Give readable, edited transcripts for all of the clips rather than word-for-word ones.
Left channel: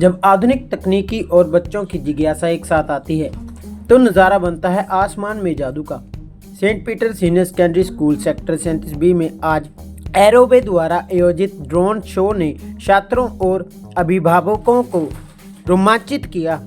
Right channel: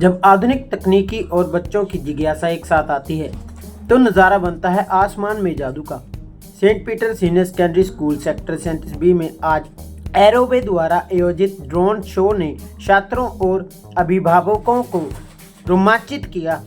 जब आधुनिक तकनीकी और बच्चों की जिज्ञासा एक साथ आती है तो नज़ारा बनता है आसमान में जादू का। Saint Peter senior secondary school sector 37B में आज एरोबे द्वारा आयोजित ड्रोन शो ने छात्रों और अभिभावकों को रोमांचित किया।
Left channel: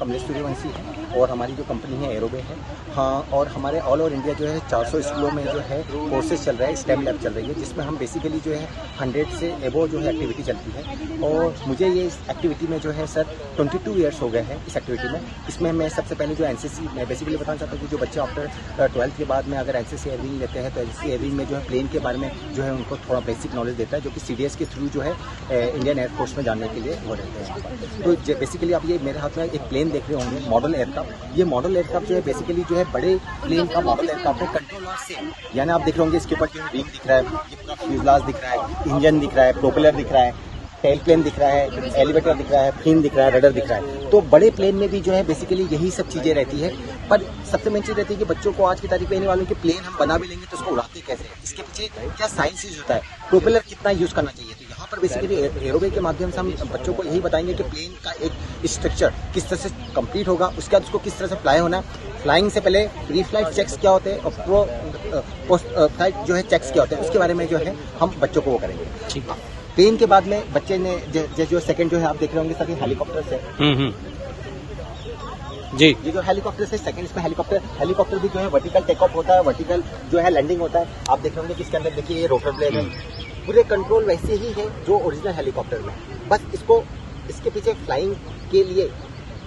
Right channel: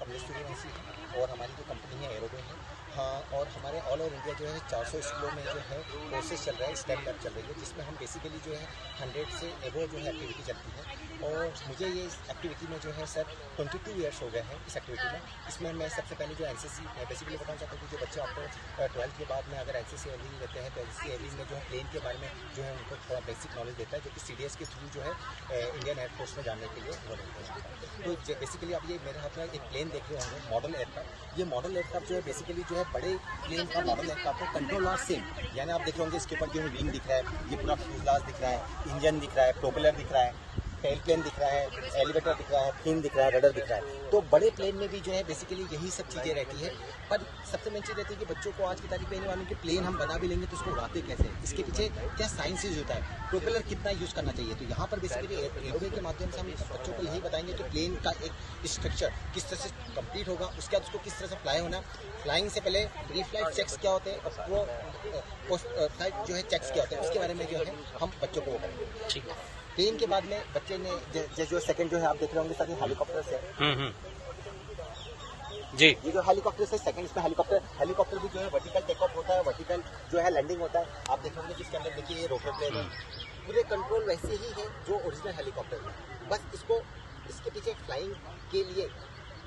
कमलेश सूर्यवंशी है और हमारी जो कंपनी है एरोबे है। हाँ, और हमारे ऑल ओवर इंडिया जो है 400 स्कूलों में जो है कोर्सेज चल रहा है, स्टेम लैब चल रही है, जिसमें हम बेसिकली जो है 100 से एबो जो है एक्टिविटी चलती है। और मुझे ये इस एक्टिविटी में जो है सर 22 ईयर्स हो गए हैं इस एक्टिविटी में। इसमें मैं सबसे पहले जो एनसीसी मैं बेसिकली बताना चाहता हूँ कि जो बच्चे आफ्टर 12th के बाद में अगर एनसीसी एयरिंग लेते हैं तो एनसीसी एयरिंग में जो है प्लेन के बारे में जो है उनको थोड़ा बेसिक नॉलेज देता है, जो कि सीडीएस के थ्रू जो है इंडियन एयरफोर्स में जाने के लिए वो रहते हैं। तो बेसिकली आप ये मेरे हाथ में एक प्लेन देख रहे होंगे, मॉडल एयरक्राफ्ट। ये मॉडल एयरक्राफ्ट जो है बेसिकली जो है बड़े प्लेन का मॉडल एयरक्राफ्ट है। कंट्रोल आर सेम, यानी आप देख रहे होंगे इसके ऊपर जो है विंग दिख रहा है, ये पूरा फ्यूजलाज दिख रहा है, इंजन दिख रहा है, प्रोपेलर दिख रहा है, टेल प्लेन दिख रहा है, एलिवेटर दिख रहा है, फिन दिख रहा है, रडर दिख रहा है। तो बड़े प्लेन में भी जो है बेसिकली यही सब चीज़ें रहती है। पर सबसे मेन चीज़ रहती है कि बच्चों को आज की तारीख में आने वालों के प्लेन हम बना भी लेंगे तो उसको उड़ाते कैसे हैं, इसके पीछे क्या साइंस यूज होता है, प्रोपेलर कितना यूज़ करना चाहिए। तो यहाँ पर बेसिकली एरोबे के माध्यम से हम बच्चों को यही बताएंगे कि प्लेन का एक स्ट्रक्चर किस तरह से कंप्लीट होगा, उसके बाद उसको किस तरह से फ्लाई होना है, फ्लाइंग से पहले प्री फ्लाइट चेक्स क्या होते हैं और पोस्ट फ्लाइट जो है चेक्स क्या होते हैं, उसके बारे में जो है हम बच्चों को वो करेंगे। ठीक है। प्लेन के बाद में बच्चे ने जो सेकंड जो है आप देख रहे होंगे सभी हेलीकॉप्टर से जी, ये जो हेलीकॉप्टर से सेकंड, इसमें हेलीकॉप्टर भी जो है वर्टिकल टेक ऑफ होता है, वर्टिकल जो है लैंडिंग होता है। आप देख रहे होंगे कि इसके अंदर देखिए ये रोटर ब्लेड है, पूरे कंट्रोल वैसे ही है जो ओरिजिनल हेलीकॉप्टर में। बस इसको इसके पीछे फ्लाइंग के लिए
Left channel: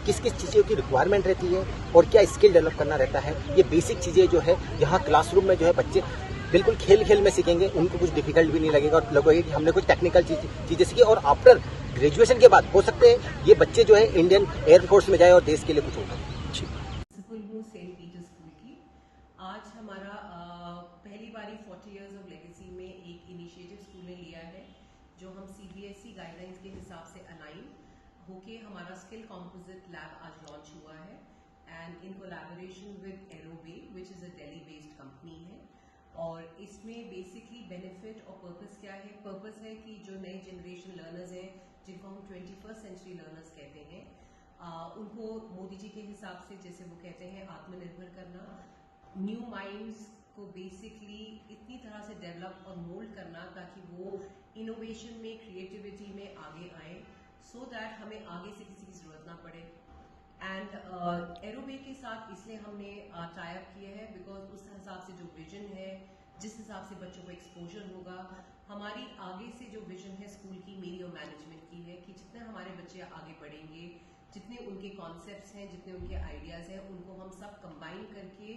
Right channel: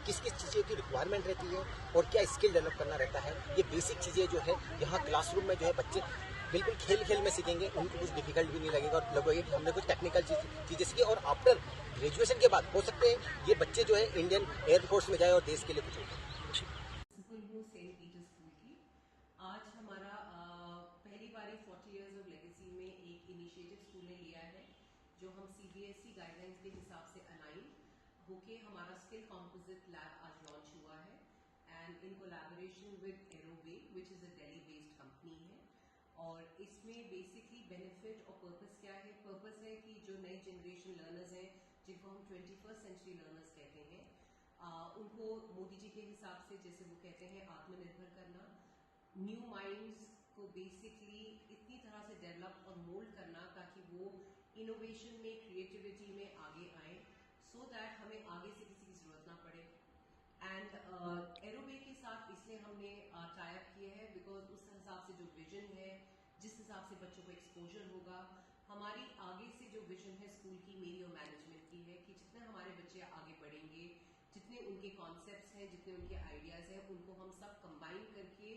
किस किस चीज़ों की रिक्वायरमेंट रहती है और क्या स्किल डेवलप करना रहता है, ये बेसिक चीज़ें जो है यहाँ क्लासरूम में जो है बच्चे बिल्कुल खेल खेल में सीखेंगे। उनको कुछ डिफिकल्ट भी नहीं लगेगा और लगेगा कि हमने कुछ टेक्निकल चीज़ें सीखी। और आफ्टर ग्रेजुएशन के बाद हो सकते हैं ये बच्चे जो है इंडियन एयरफोर्स में जाए और देश के लिए कुछ होगा। प्रिंसिपल हूँ सेंट पीटर स्कूल की। आज हमारा पहली बारी 40 इयर्स ऑफ लेगेसी में एक इनिशिएटिव स्कूल ने लिया है, जो हम सीबीएसई गाइडलाइंस के हिसाब से अलाइन होके हमारा स्किल कॉम्पोजिट लैब आज लॉन्च हुआ है, and in collaboration with Aerobe which is a Delhi based company है। और इसमें बेसिकली बेनिफिट और पर्पस क्या है? पर्पस है कि जो नए जनरेशन लर्नर्स हैं, जिनको हम 21st सेंचुरी लर्नर्स कहते हैं, उनको मोदी जी के हिसाब से जैसे वो कहते हैं आत्मनिर्भर करना, न्यू माइंड्स को बेसिकली इतनी तरह से डेवलप और मोल्ड करना ताकि वो इनोवेशन में, क्रिएटिविटी में आगे आए, सो दैट हमें आगे से किसी की जरूरत ना पड़े। एंड एरोबे के साथ इसलिए हमने टाई अप किया है बिकॉज उस हिसाब से जो विजन है, जिस हिसाब से बच्चों को एक्सपोजर होगा, हमारी आगे से जो विजन है स्कूल की, मेरी और मैनेजमेंट की है कि जितने हमारे बच्चे आगे बढ़ेंगे, जितने उनके कॉन्सेप्ट्स हैं, जितने उनके आइडियाज़ हैं, उनको हम सब कंबाइन करके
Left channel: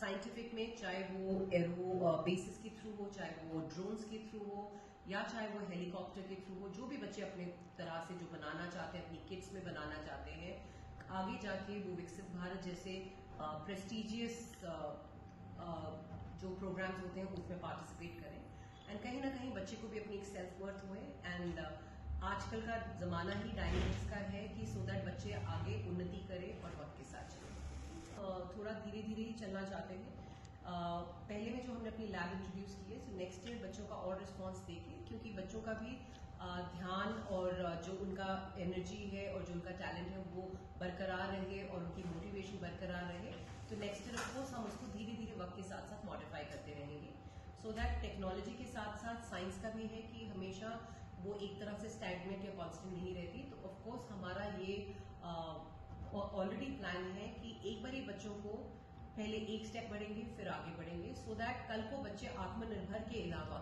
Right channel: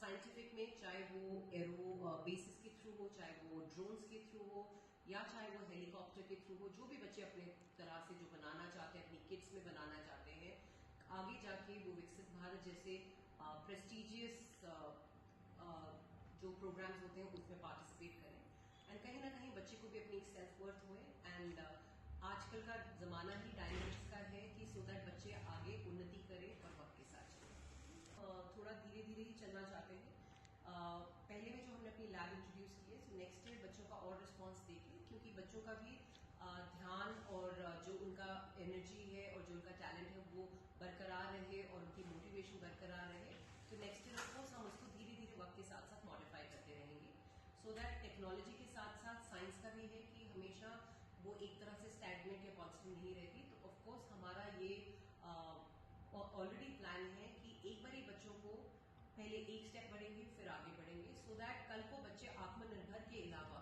साइंटिफिक में, चाहे वो एरो बेसिस के थ्रू हो, चाहे वो ड्रोन्स के थ्रू हो, या चाहे वो हेलीकॉप्टर के थ्रू हो, जो भी बच्चे अपने तरह से जो बनाना चाहते हैं, अपनी किट्स में बनाना चाहते हैं, आगे जाके वो विकसित भारत जैसे प्रेस्टिजियस जो प्रोग्राम्स होते हैं उसमें पार्टिसिपेट करें, एंड कहीं ना कहीं बच्चे को भी अपनी एक सेल्फ वर्थ हुए। एंड आजकल का ज़माना ही डायनेमिक्स का है कि सो दैट बच्चे आगे उन्नति करें और वक्त के साथ चलें। थोड़ा धीरे धीरे ही चलना चाहते हैं। पहले में जो हमने अपनी लैब इंट्रोड्यूस की है, तो नेक्स्ट ईयर बच्चों का और रिस्पांस देके, क्योंकि बच्चों का भी ध्यान और जो उनका एनर्जी है और जो उनका टैलेंट है वो बरकरार रहे और उनकी मोटिवेशन बरकरार रहे, तो नेक्स्ट ईयर ऑफकोर्स हम उसको धीरे धीरे वक्त के साथ साथ मॉडिफाई करते रहेंगे, सो दैट टेक्नोलॉजी के साथ साथ साइंस का भी है कि हमेशा वो एक तरह से स्टैग्नेंट या कांस्टेंट नहीं रहती। तो ऑफ कोर्स हमारा ये ऑलरेडी प्लान है कि एक बार ये बच्चों को पहले एक स्टेप बढ़ेंगे फिर आगे बढ़ेंगे, सो दैट कल को बच्चे आत्मनिर्भर के अलावा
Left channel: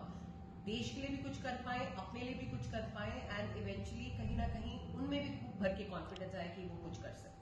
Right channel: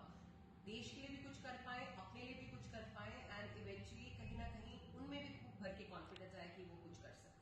देश के लिए भी कुछ कर पाए, अपने लिए भी कुछ कर पाए, एंड इवेंचुअली कहीं ना कहीं उनमें भी खूब भर के कॉन्फिडेंस आए कि वो कुछ कर सकते हैं।